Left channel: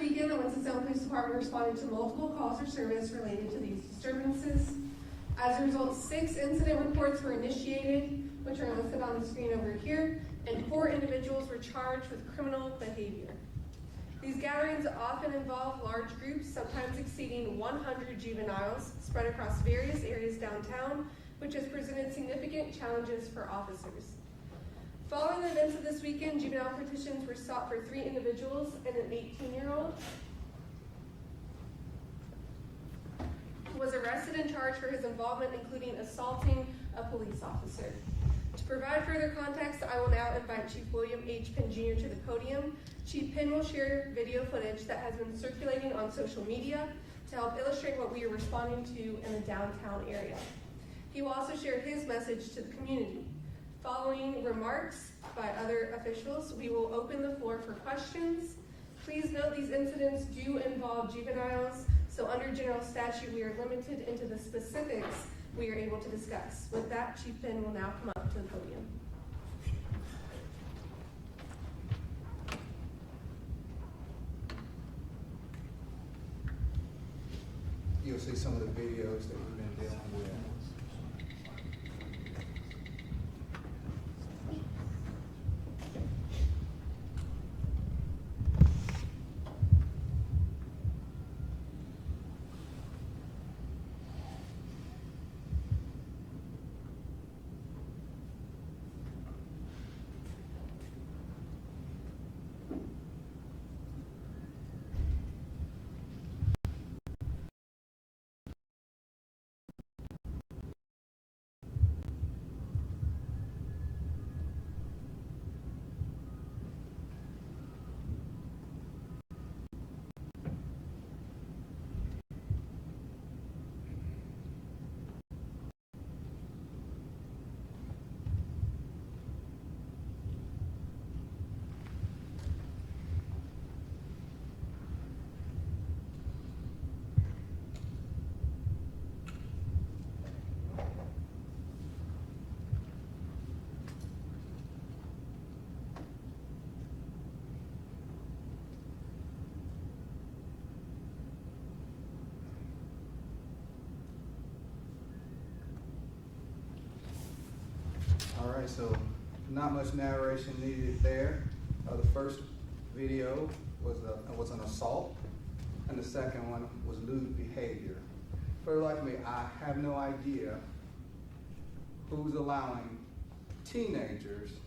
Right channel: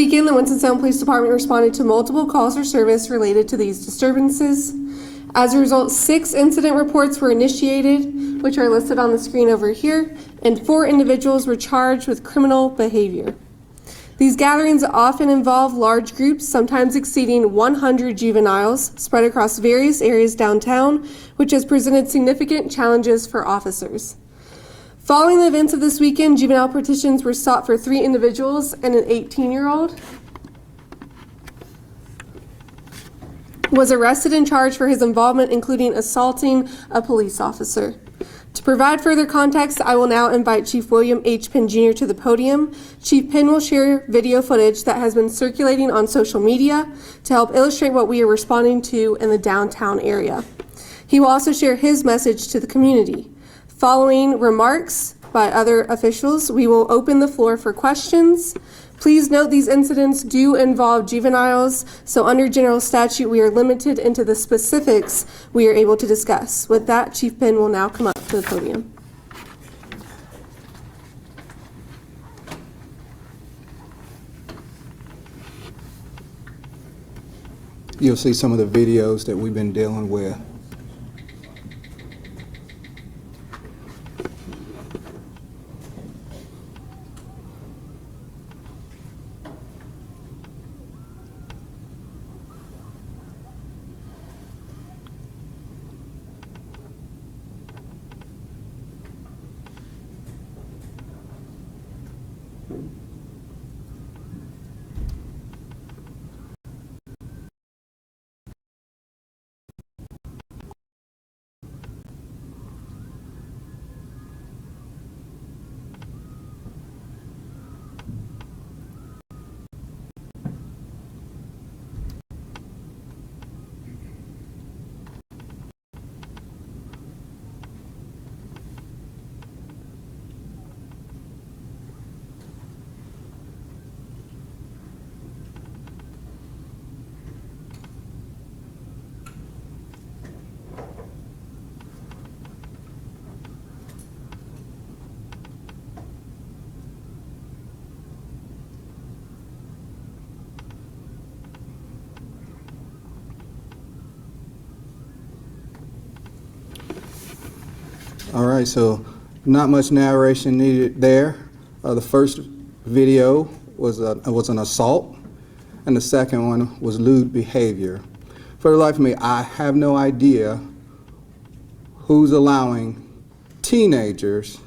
Weekend, the Winston-Salem Police Department responded to multiple calls for service related to these disturbances. As a result, 6 incident reports were initiated, which are listed on the screen over here, and 4 individuals were charged with criminal behavior. These gatherings often involve large groups, sometimes exceeding 100 juveniles, spread across various areas downtown, which has presented significant challenges for officers. Following the events of this weekend, juvenile petitions were sought for 3 individuals and an 18-year-old was arrested and charged for his involvement, including assaulting a police officer. To provide further context, I will now invite Chief William H. Penn Jr. to the podium. Chief Penn will share video footage that has been circulating on social media to help illustrate what we are responding to in the downtown area. He will also share his message to the community. Following remarks by other officials, we will open the floor for questions. Please note these incidents do involve juveniles, so under general statute, we are limited into the specifics we are able to discuss. With that, Chief Penn will now come up to the podium. You'll see some of the videos that we've been dealing with. All right, so not much narration needed there. The first video was an assault, and the second one was lewd behavior. For the life of me, I have no idea who's allowing teenagers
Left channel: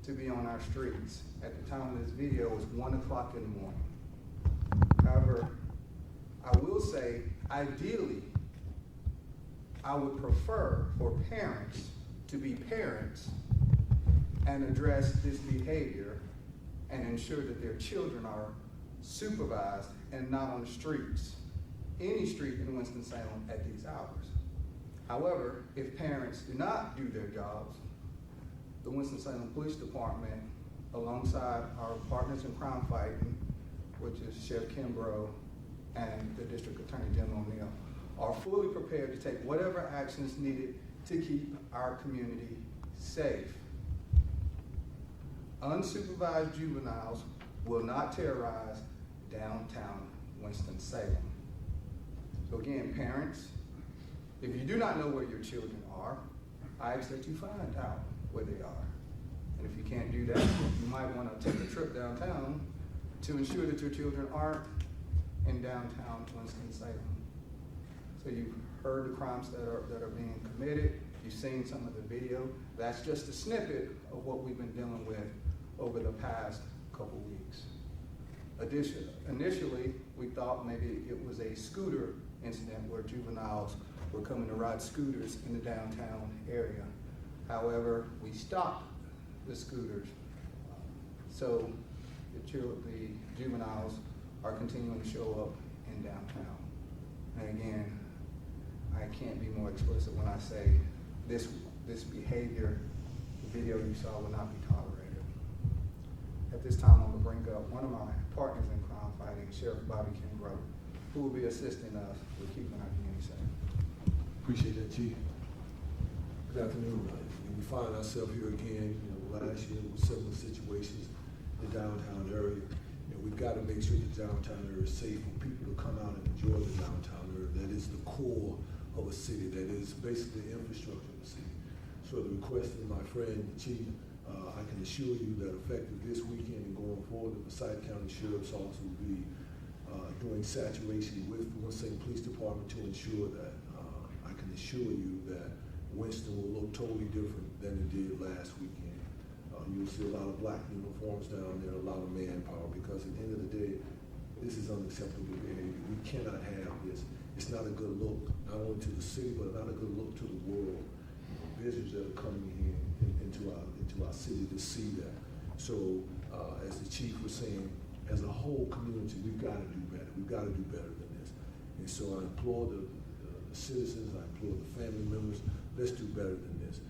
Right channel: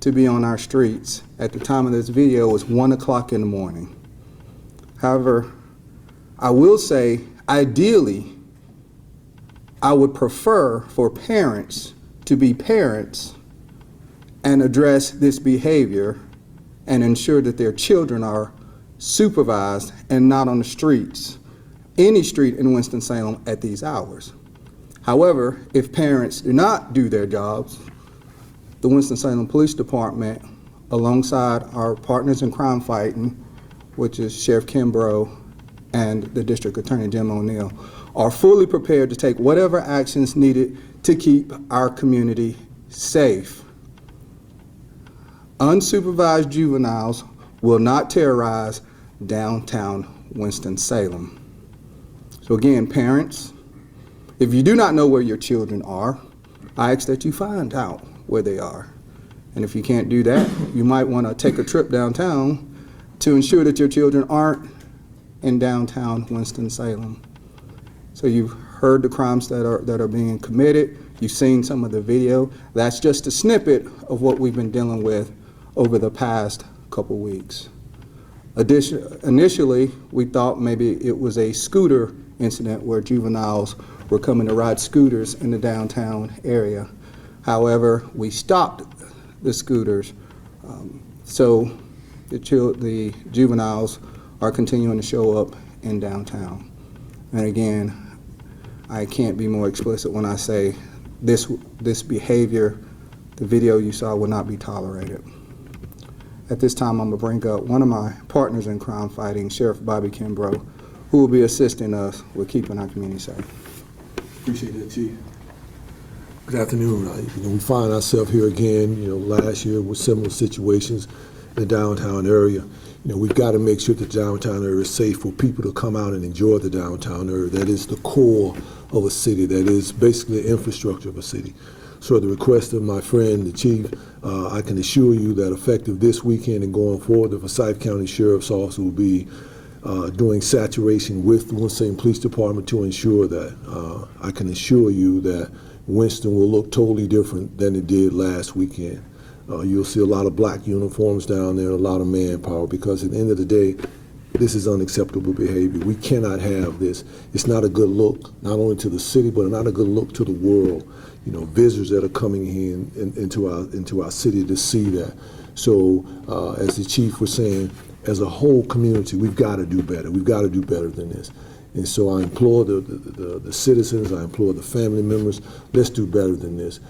to be on our streets. At the time of this video, it was 1 o'clock in the morning. However, I will say, ideally, I would prefer for parents to be parents and address this behavior and ensure that their children are supervised and not on the streets, any street in Winston-Salem at these hours. However, if parents do not do their jobs, the Winston-Salem Police Department, alongside our partners in crime fighting, which is Sheriff Kimbrough and the District Attorney Jim O'Neill, are fully prepared to take whatever actions needed to keep our community safe. Unsupervised juveniles will not terrorize downtown Winston-Salem. So again, parents, if you do not know where your children are, I ask that you find out where they are. And if you can't do that, you might want to take a trip downtown to ensure that your children aren't in downtown Winston-Salem. So you've heard the crimes that are being committed. You've seen some of the video. That's just a snippet of what we've been dealing with over the past couple weeks. Initially, we thought maybe it was a scooter incident where juveniles were coming to ride scooters in the downtown area. However, we stopped the scooters, so the juveniles are continuing to show up in downtown. And again, I can't be more explicit when I say this behavior, the video you saw, will not be tolerated. At this time, I'm going to bring up one of my partners in crime fighting, Sheriff Bobby Kimbrough, who will be assisting us with keeping our community safe. Appreciate that, Chief. Good afternoon. We find ourselves here again, last year with similar situations in the downtown area. we've got to make sure the downtown area is safe for people to come out and enjoy the downtown area. That is the core of a city. That is basically the infrastructure of a city. So at the request of my friend, the chief, I can assure you that effective this weekend and going forward, the Forsyth County Sheriff's Office will be doing saturation with the Winston-Salem Police Department to ensure that, I can assure you that Winston will look totally different than it did last weekend. You'll see a lot of black uniforms down there, a lot of manpower, because at the end of the day, this is unacceptable behavior. We cannot have this. It's not a good look, not only to the city, but not a good look to the world. Visitors that are coming into our city to see that. So, as the chief was saying, as a whole community, we've got to do better. We've got to do better than this. And so I implore the citizens, I implore the family members, let's do better than this.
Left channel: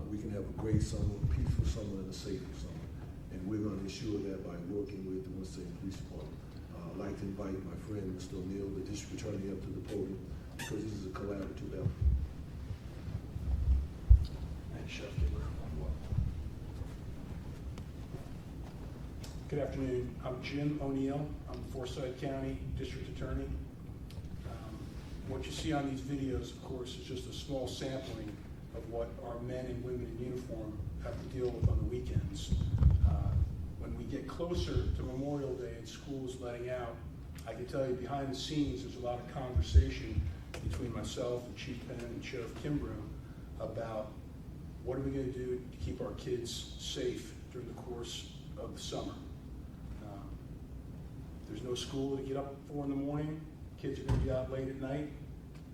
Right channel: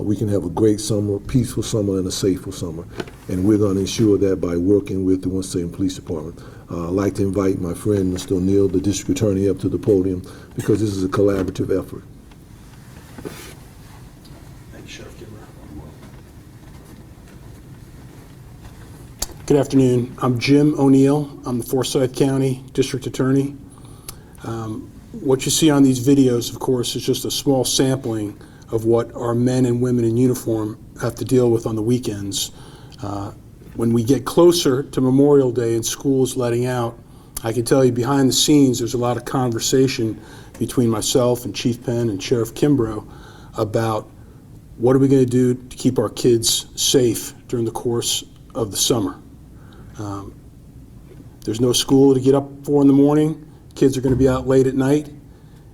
We can have a great summer, peaceful summer, and a safer summer. And we're going to ensure that by working with the Winston-Salem Police Department. I'd like to invite my friend, Mr. O'Neill, the district attorney, up to the podium, because this is a collaborative effort. Thank you, Sheriff Kimber. Good afternoon. I'm Jim O'Neill. I'm the Forsyth County District Attorney. What you see on these videos, of course, is just a small sampling of what our men and women in uniform have to deal with on the weekends. When we get closer to Memorial Day and schools letting out, I can tell you behind the scenes there's a lot of conversation between myself and Chief Penn and Sheriff Kimbrough about what are we going to do to keep our kids safe during the course of the summer. There's no school to get up for in the morning. Kids are going to be out late at night.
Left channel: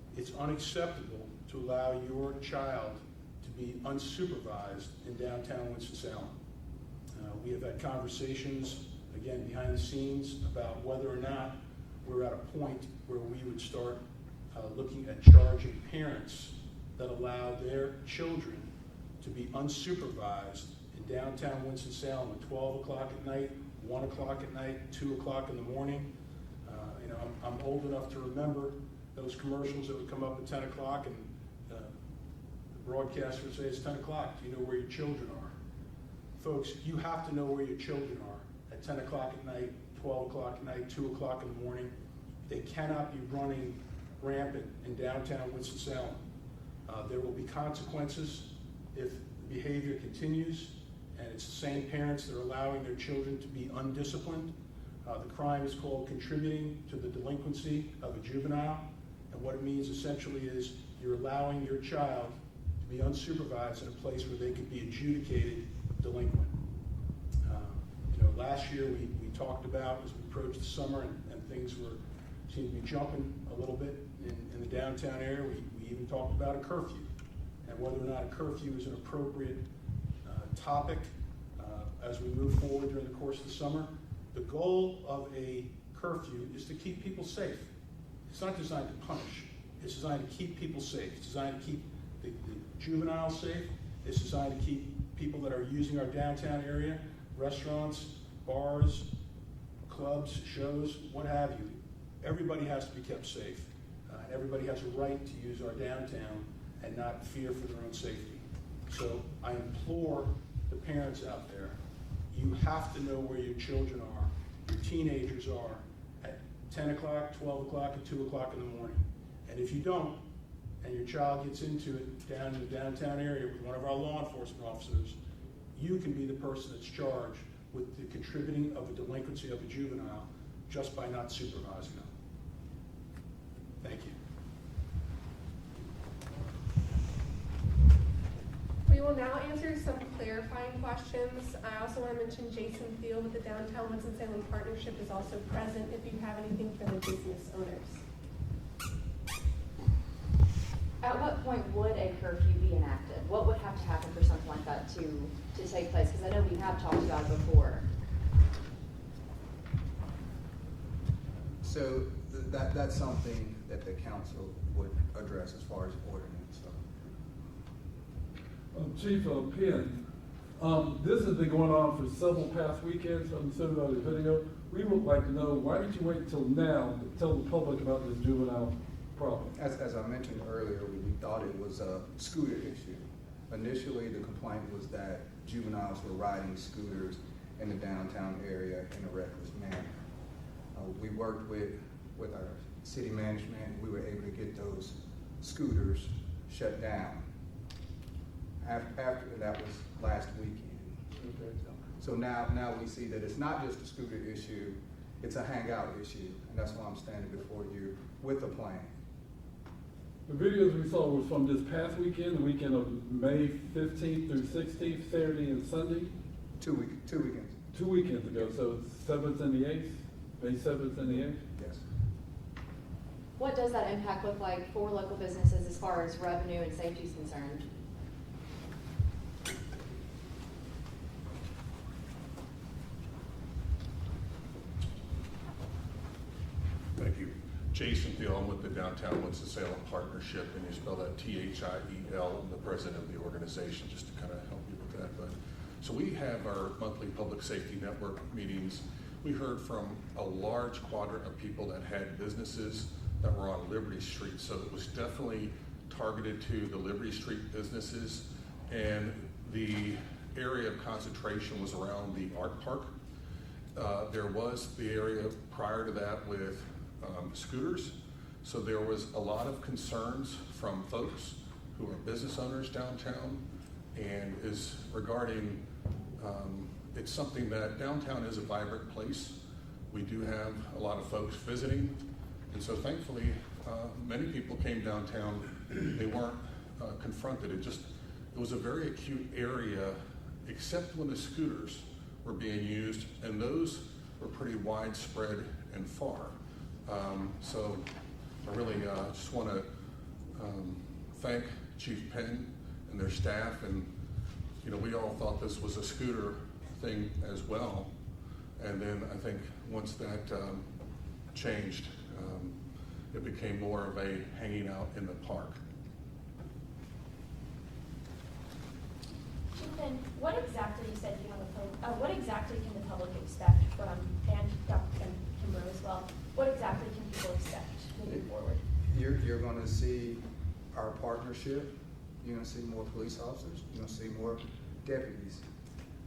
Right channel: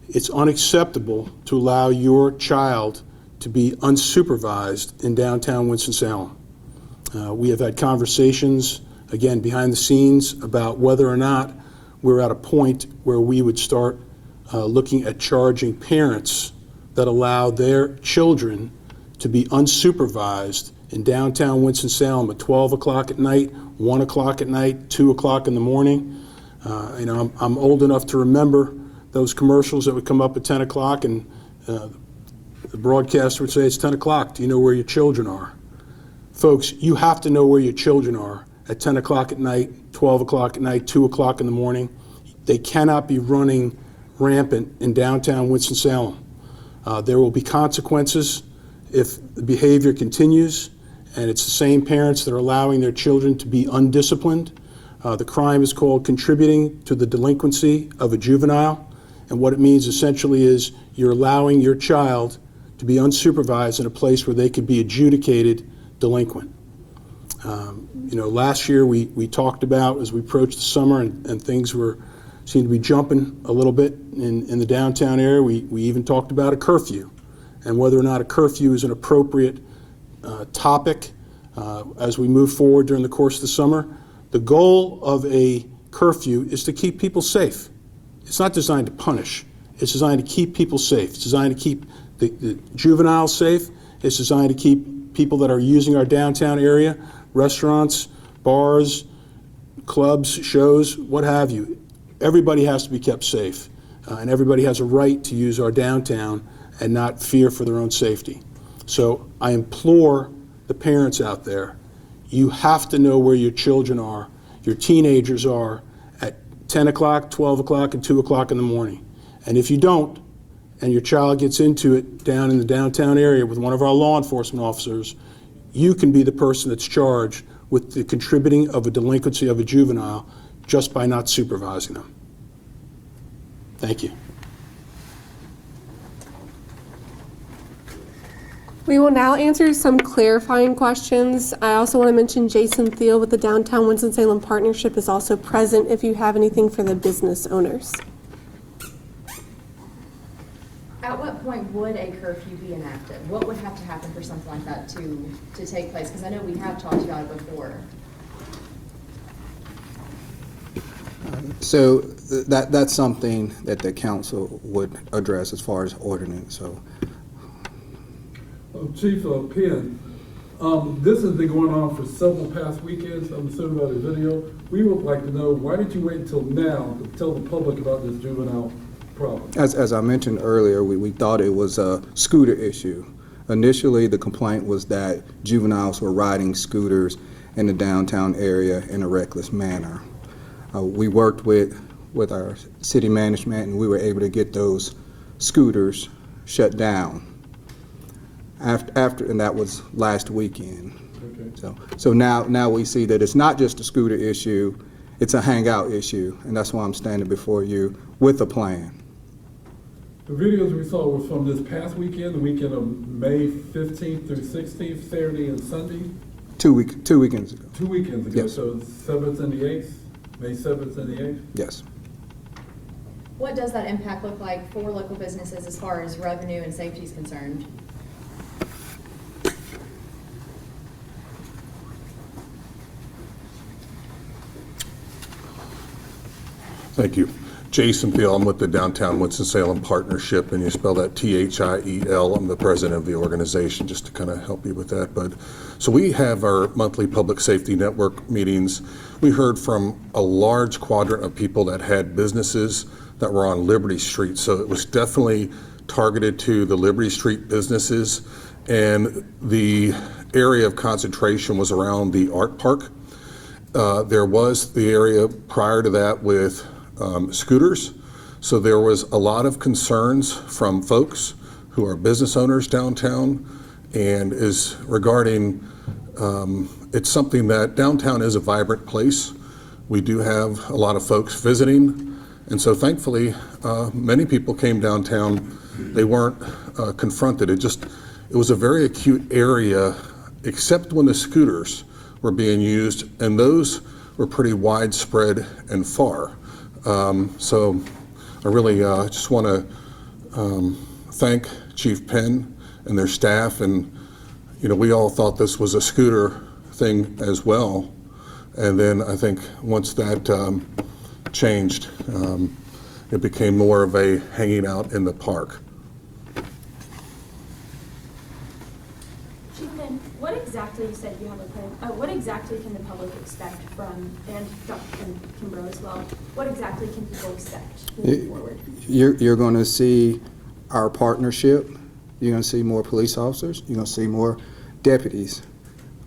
It's unacceptable to allow your child to be unsupervised in downtown Winston-Salem. We have had conversations, again, behind the scenes about whether or not we're at a point where we would start looking at charging parents that allow their children to be unsupervised in downtown Winston-Salem at 12 o'clock at night, 1 o'clock at night, 2 o'clock in the morning. I'm old enough to remember those commercials that would come up at 10 o'clock and the broadcaster would say, it's 10 o'clock, do you know where your children are? Folks, you have to know where your children are at 10 o'clock at night, 12 o'clock at night, 2 o'clock in the morning. They cannot be running rampant in downtown Winston-Salem. There will be consequences if the behavior continues, and it's the same parents that are allowing their children to be undisciplined. The crime is called contributing to the delinquency of a juvenile, and what it means essentially is you're allowing your child to be unsupervised in a place where they could be adjudicated delinquent. Last year we talked about, as we approached the summer and things seemed to be jumping a little bit in the downtown area, we even talked about a curfew and whether or not a curfew is an appropriate topic as we move forward during the course of the summer. The goal of a curfew is to keep people safe. It's not designed to punish. It's designed to keep people safe. It's designed to keep the juveniles safe. It's designed to keep people that are using our downtown area, restaurants, bars, clubs, shows, what have you. Everybody has to be kept safe, and everybody has a right to use our downtown and not fear for their own safety. So I implore the parents out there, you have to know where your children are, your teenagers are at 10 o'clock, 12 o'clock, and 2 o'clock in the morning. And if you don't, and your child gets into it down in the downtown area with one of our law enforcement officers, you can be the person that's charged with the contributing of a delinquency of a juvenile just by not supervising them. Thank you. We will now answer some clarifying questions. I also want to mention Jason Thiel with the Downtown Winston-Salem Partnership is also present if you have anything for the business owners. At what point would a curfew be enacted? What would have to happen for something like that to take place? Because I know we have talked about it before. So that's something that the council would address as far as ordinance. So, Chief Penn, this has been going on for several past weekends. I'm assuming by the video. We would like to know, why did you wait until now to tell the public about this juvenile problem? as I mentioned earlier, we thought it was a scooter issue. Initially, the complaint was that juveniles were riding scooters in the downtown area in a reckless manner. We worked with our city management, and we were able to get those scooters shut down after, and that was last weekend. Okay. So now we see that it's not just a scooter issue, it's a hangout issue, and that's why I'm standing before you with a plan. The videos we saw were from this past weekend, the weekend of May 15th through 16th, Saturday and Sunday? 2 weekends ago. 2 weekends ago, Yes. so 7th and the 8th, May 7th and the 8th? Yes. What does that impact look like for local businesses as far as revenue and safety is concerned? Thank you. Jason Thiel, I'm with the Downtown Winston-Salem Partnership, and you spell that Thiel. I'm the president of the organization, just to kind of help you with that. But so we have our monthly public safety network meetings. We heard from a large quadrant of people that had businesses that were on Liberty Street. So it was definitely targeted to the Liberty Street businesses, and the area of concentration was around the art park. There was the area prior to that with scooters. So there was a lot of concerns from folks who are business owners downtown, and is regarding, it's something that downtown is a vibrant place. We do have a lot of folks visiting, and so thankfully many people came downtown. They weren't confronted. It was a very acute area, except when the scooters were being used, and those were pretty widespread and far. So I really just want to thank Chief Penn and their staff, and we all thought this was a scooter thing as well, and then I think once that changed, it became more of a hanging out in the park. Chief Penn, what exactly, you said you have a plan, what exactly can the public expect from, and Dr. Kimbrough as well, what exactly can people expect moving forward? You're going to see our partnership. You're going to see more police officers. You're going to see more deputies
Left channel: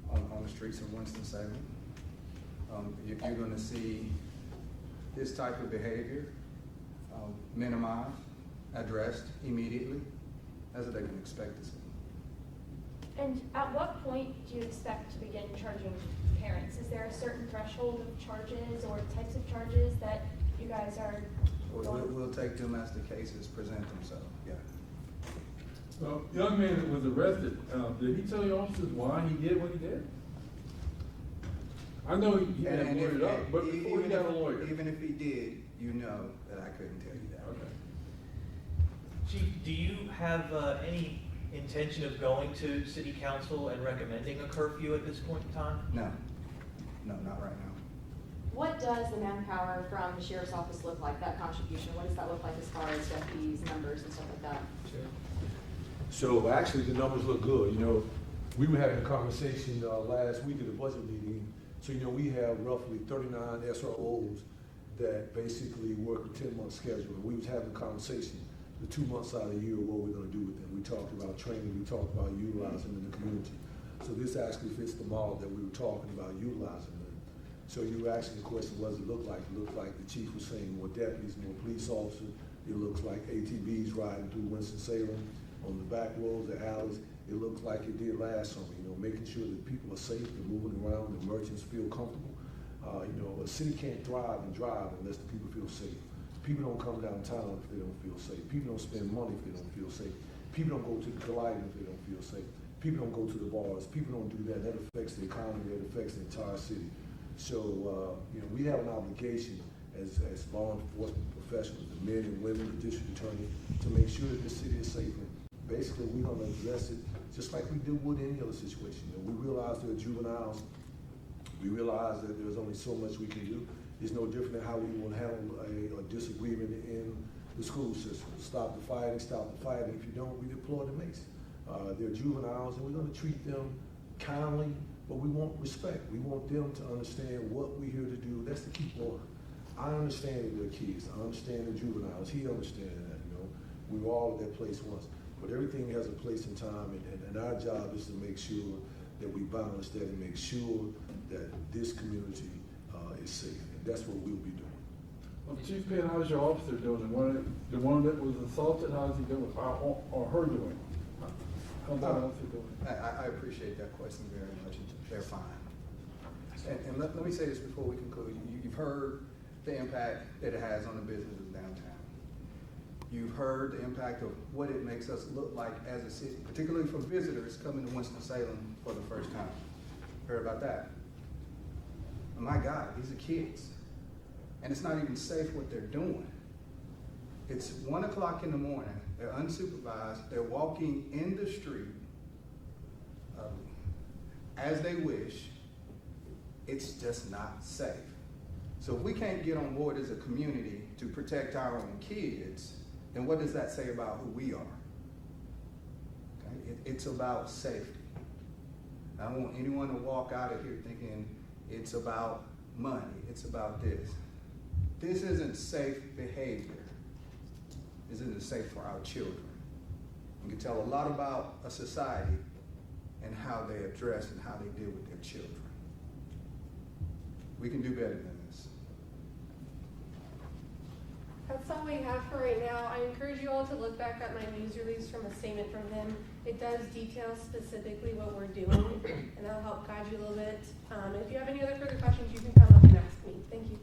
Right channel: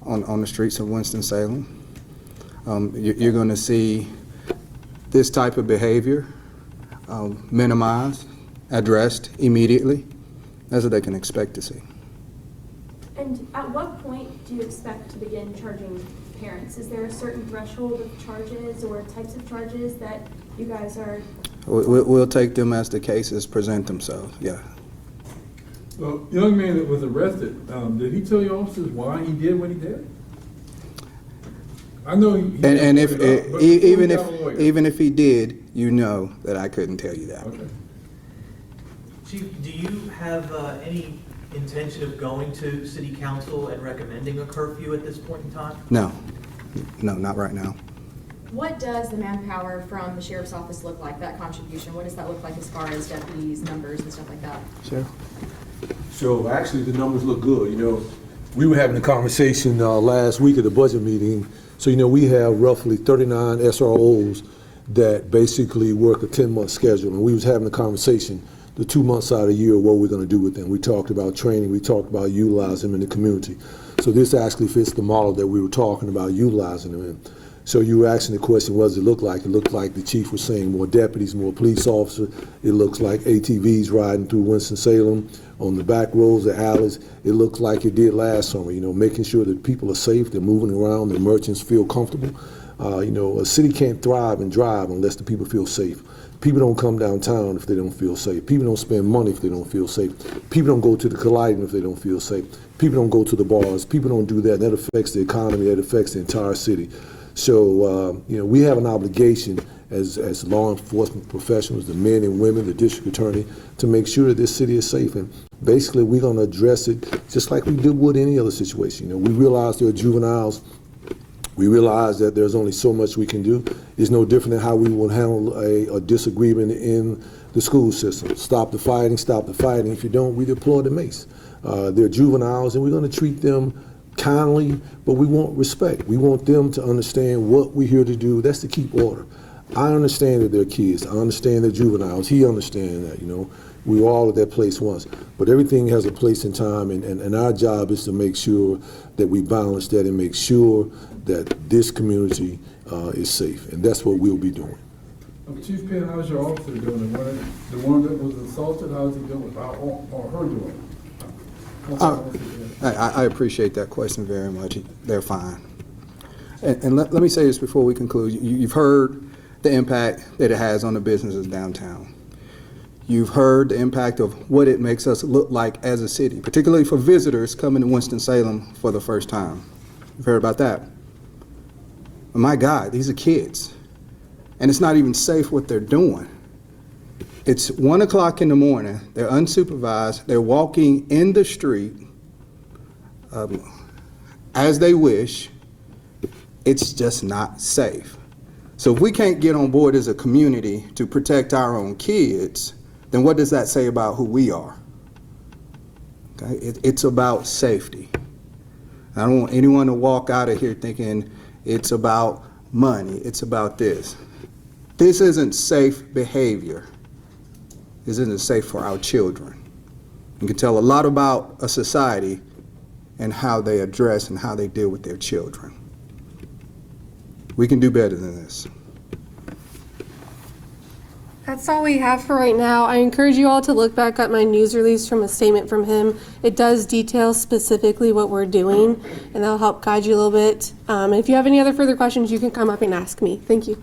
on the streets of Winston-Salem. You're going to see this type of behavior minimized, addressed immediately. That's what they can expect to see. And at what point do you expect to begin charging parents? Is there a certain threshold of charges or types of charges that you guys are? We'll take them as the cases present themselves, yeah. Well, young man that was arrested, did he tell your officers why he did what he did? I know he And if, up, but even he got a lawyer. even if he did, you know that I couldn't tell you that. Okay. Chief, do you have any intention of going to city council and recommending a curfew at this point in time? No, not right now. What does the manpower from the sheriff's office look like, that contribution? What does that look like as far as deputies, numbers, and stuff like that? Sure. So actually, the numbers look good. We were having a conversation last week at the budget meeting. So, we have roughly 39 SROs that basically work a 10-month schedule. And we was having a conversation the 2 months out of the year, what we're going to do with them. We talked about training. We talked about utilizing them in the community. So this actually fits the model that we were talking about utilizing them in. So you were asking the question, what does it look like? It looked like the chief was saying more deputies, more police officers. It looks like ATVs riding through Winston-Salem on the back roads, the alleys. It looks like it did last summer, making sure that people are safe, they're moving around, the merchants feel comfortable. A city can't thrive and drive unless the people feel safe. People don't come downtown if they don't feel safe. People don't spend money if they don't feel safe. People don't go to the colliding if they don't feel safe. People don't go to the bars. People don't do that. That affects the economy. That affects the entire city. So, we have an obligation as law enforcement professionals, the men and women, the district attorney, to make sure that this city is safe. And basically, we're going to address it just like we did with any other situation. We realize there are juveniles. We realize that there's only so much we can do. It's no different than how we will handle a disagreement in the school system. Stop the fighting, stop the fighting. If you don't, we deploy the mace. They're juveniles, and we're going to treat them kindly, but we want respect. We want them to understand what we're here to do. That's to keep order. I understand that they're kids. I understand they're juveniles. He understands that, We were all at that place once. But everything has a place and time, and our job is to make sure that we balance that and make sure that this community is safe. And that's what we'll be doing. Chief Penn, how's your officer doing? The one that was assaulted, how's he doing? Or her doing? How's the officer doing? I appreciate that question very much. They're fine. And let me say this before we conclude. You've heard the impact that it has on the businesses downtown. You've heard the impact of what it makes us look like as a city, particularly for visitors coming to Winston-Salem for the first time. You've heard about that. But my God, these are kids. And it's not even safe what they're doing. It's 1 o'clock in the morning. They're unsupervised. They're walking in the street as they wish. It's just not safe. So if we can't get on board as a community to protect our own kids, then what does that say about who we are? Okay? It's about safety. I don't want anyone to walk out of here thinking it's about money, it's about this. This isn't safe behavior. This isn't safe for our children. You can tell a lot about a society and how they address and how they deal with their children. We can do better than this. That's all we have for right now. I encourage you all to look back at my news release from a statement from him. It does detail specifically what we're doing, and that'll help guide you a little bit. And if you have any other further questions, you can come up and ask me. Thank you.